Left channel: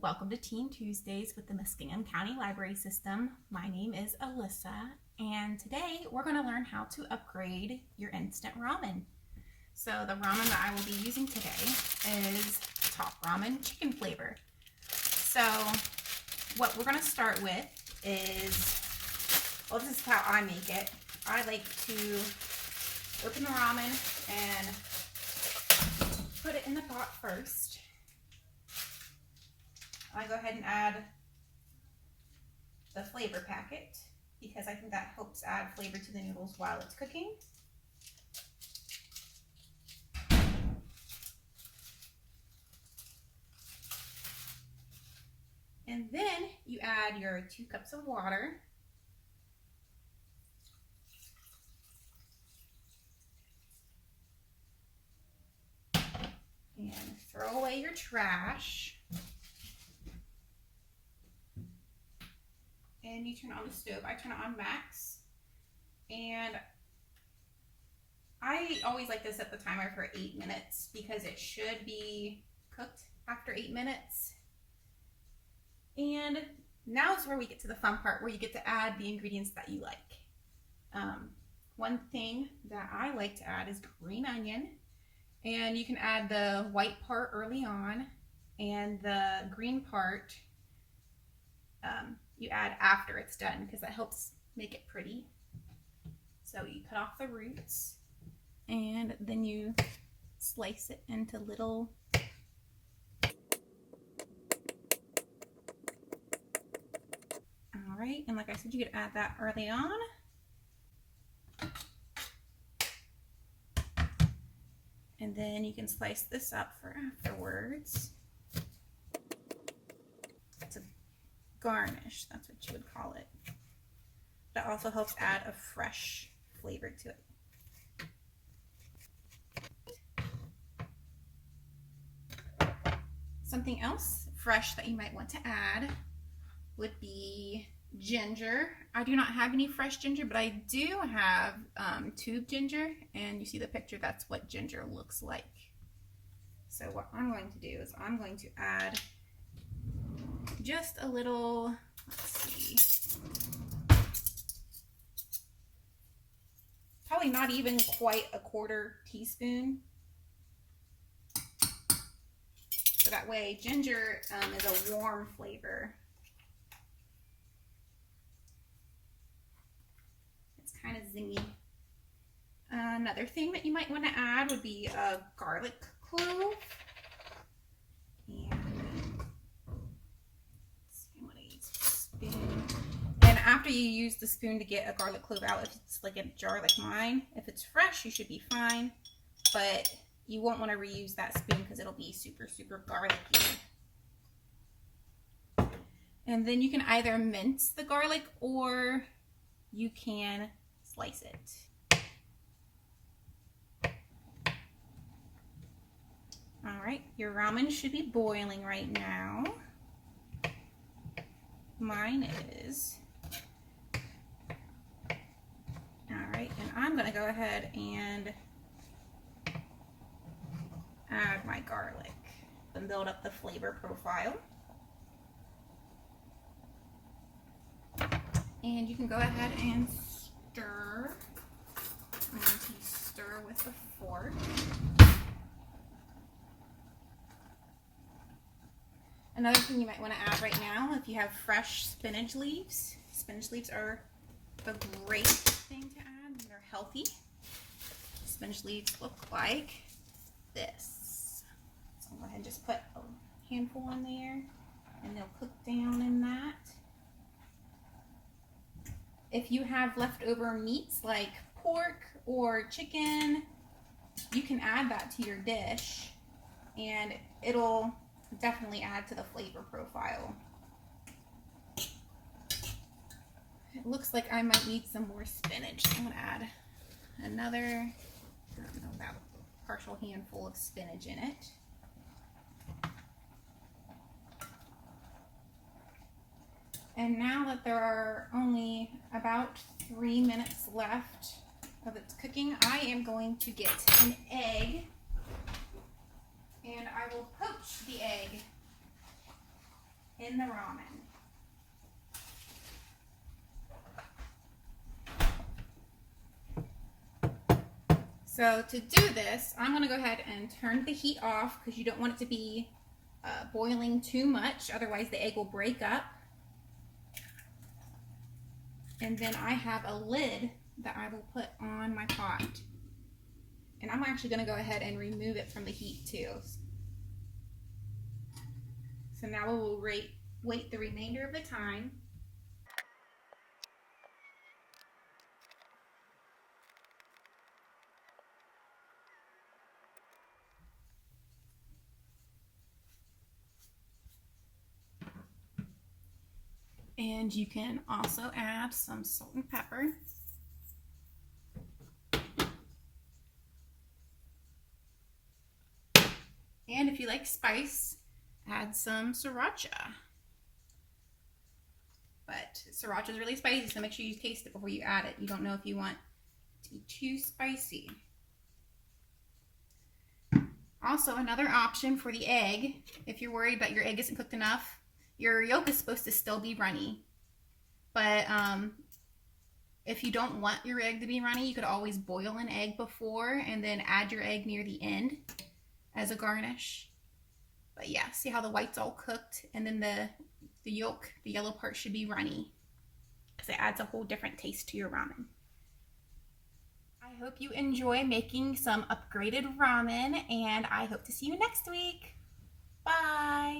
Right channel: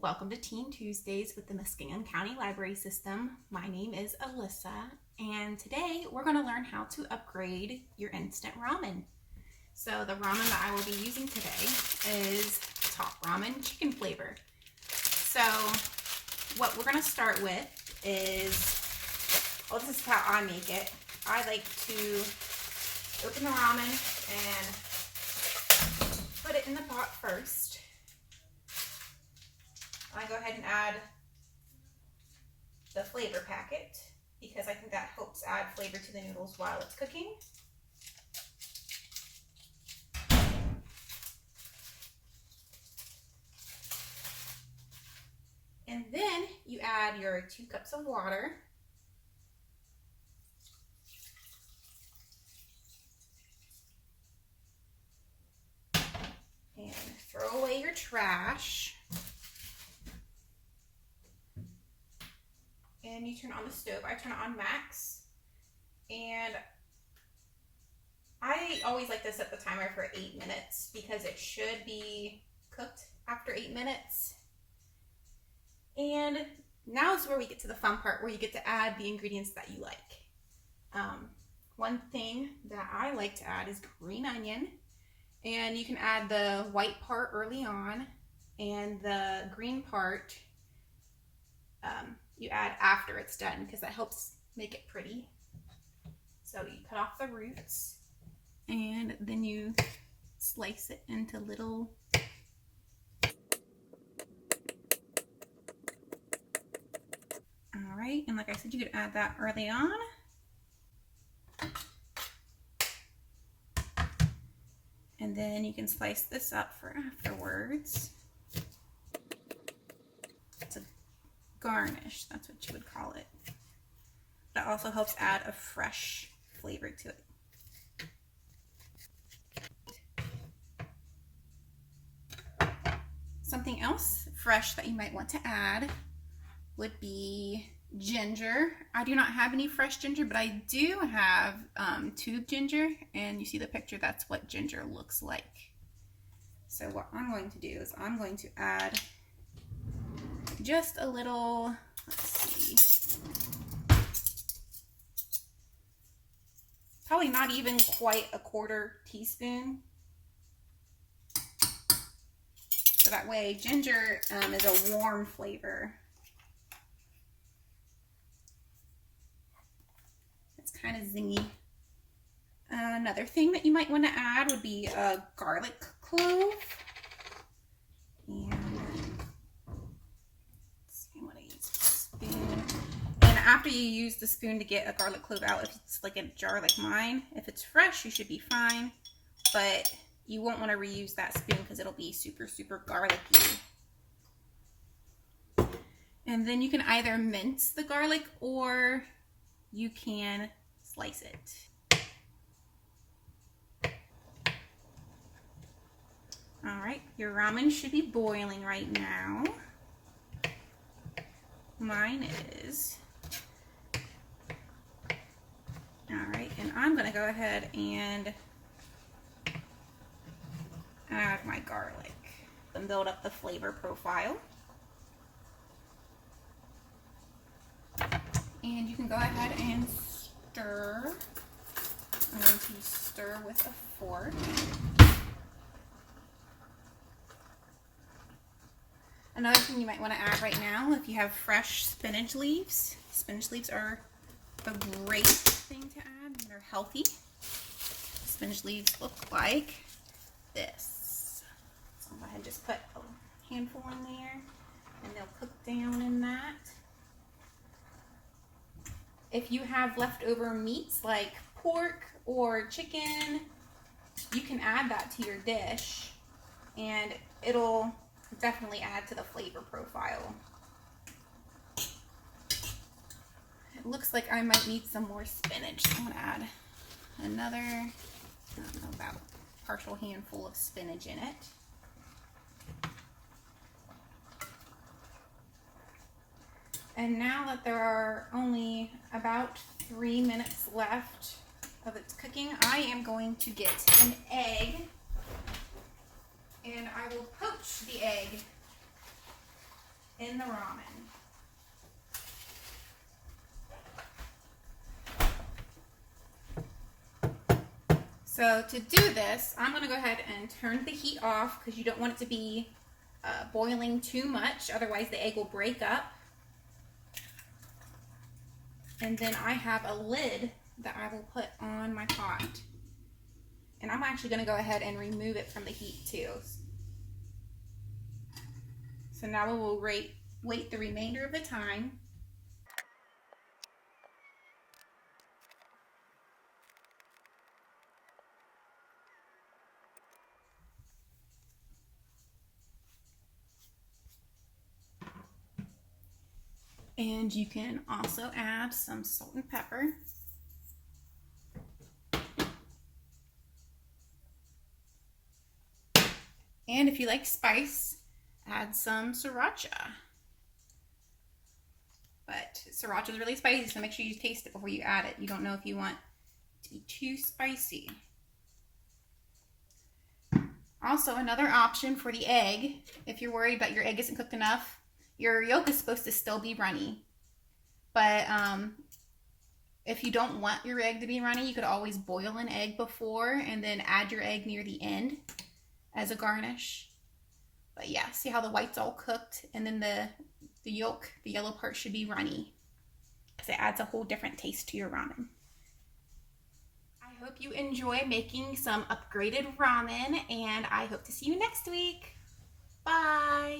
welcome to Teen Tuesdays with the Muskingum County Library System. My name is Alyssa, and today we're going to learn how to upgrade your instant ramen. So the ramen that I will be using today is Top Ramen chicken flavor. So what we're going to start with is, well, this is how I make it. I like to open the ramen and put it in the pot first. I go ahead and add the flavor packet because I think that helps add flavor to the noodles while it's cooking. And then you add your 2 cups of water. And throw away your trash. And you turn on the stove. I turn it on max. And I always like to set the timer for 8 minutes because it should be cooked after 8 minutes. And now is where we get to the fun part where you get to add the ingredients that you like. One thing that I like to add is green onion. And you can add the white part early on and the green part you add after it's done because that helps make it pretty. So you cut off the roots and then you slice it into little Alright, and like I said, you could add that early on. And then you can slice this up for afterwards. It's a garnish, that's what you would call it. That also helps add a fresh flavor to it. Something else fresh that you might want to add would be ginger. I do not have any fresh ginger, but I do have tube ginger, and you see the picture, that's what ginger looks like. So what I'm going to do is I'm going to add just a little, let's see, probably not even quite a 1/4 teaspoon. So that way ginger is a warm flavor. It's kind of zingy. Another thing that you might want to add would be a garlic clove. And and after you use the spoon to get a garlic clove out, if it's like a jar like mine, if it's fresh, you should be fine. But you won't want to reuse that spoon because it'll be super, super garlicky. And then you can either mince the garlic or you can slice it. All right, your ramen should be boiling right now. Mine is. All right, and I'm gonna go ahead and add my garlic and build up the flavor profile. And you can go ahead and stir. I'm going to stir with a fork. Another thing you might want to add right now, if you have fresh spinach leaves are a great thing to add. They're healthy. Spinach leaves look like this. So I'll go ahead and just put a handful in there and they'll cook down in that. If you have leftover meats like pork or chicken, you can add that to your dish and it'll definitely add to the flavor profile. It looks like I might need some more spinach. So I'm gonna add another, I don't know, about a partial handful of spinach in it. And now that there are only about 3 minutes left of its cooking, I am going to get an egg and I will poach the egg. in the ramen. So to do this, I'm going to go ahead and turn the heat off because you don't want it to be boiling too much, otherwise the egg will break up. And then I have a lid that I will put on my pot. And I'm actually going to go ahead and remove it from the heat too. So now we will wait the remainder of the time. And you can also add some salt and pepper. And if you like spice, add some sriracha. But sriracha is really spicy, so make sure you taste it before you add it. You don't know if you want it to be too spicy. Also, another option for the egg, if you're worried that your egg isn't cooked enough, your yolk is supposed to still be runny. But if you don't want your egg to be runny, you could always boil an egg before and then add your egg near the end as a garnish. But yeah, see how the white's all cooked, and then the yolk, the yellow part, should be runny because it adds a whole different taste to your ramen. I hope you enjoy making some upgraded ramen, and I hope to see you next week. Bye!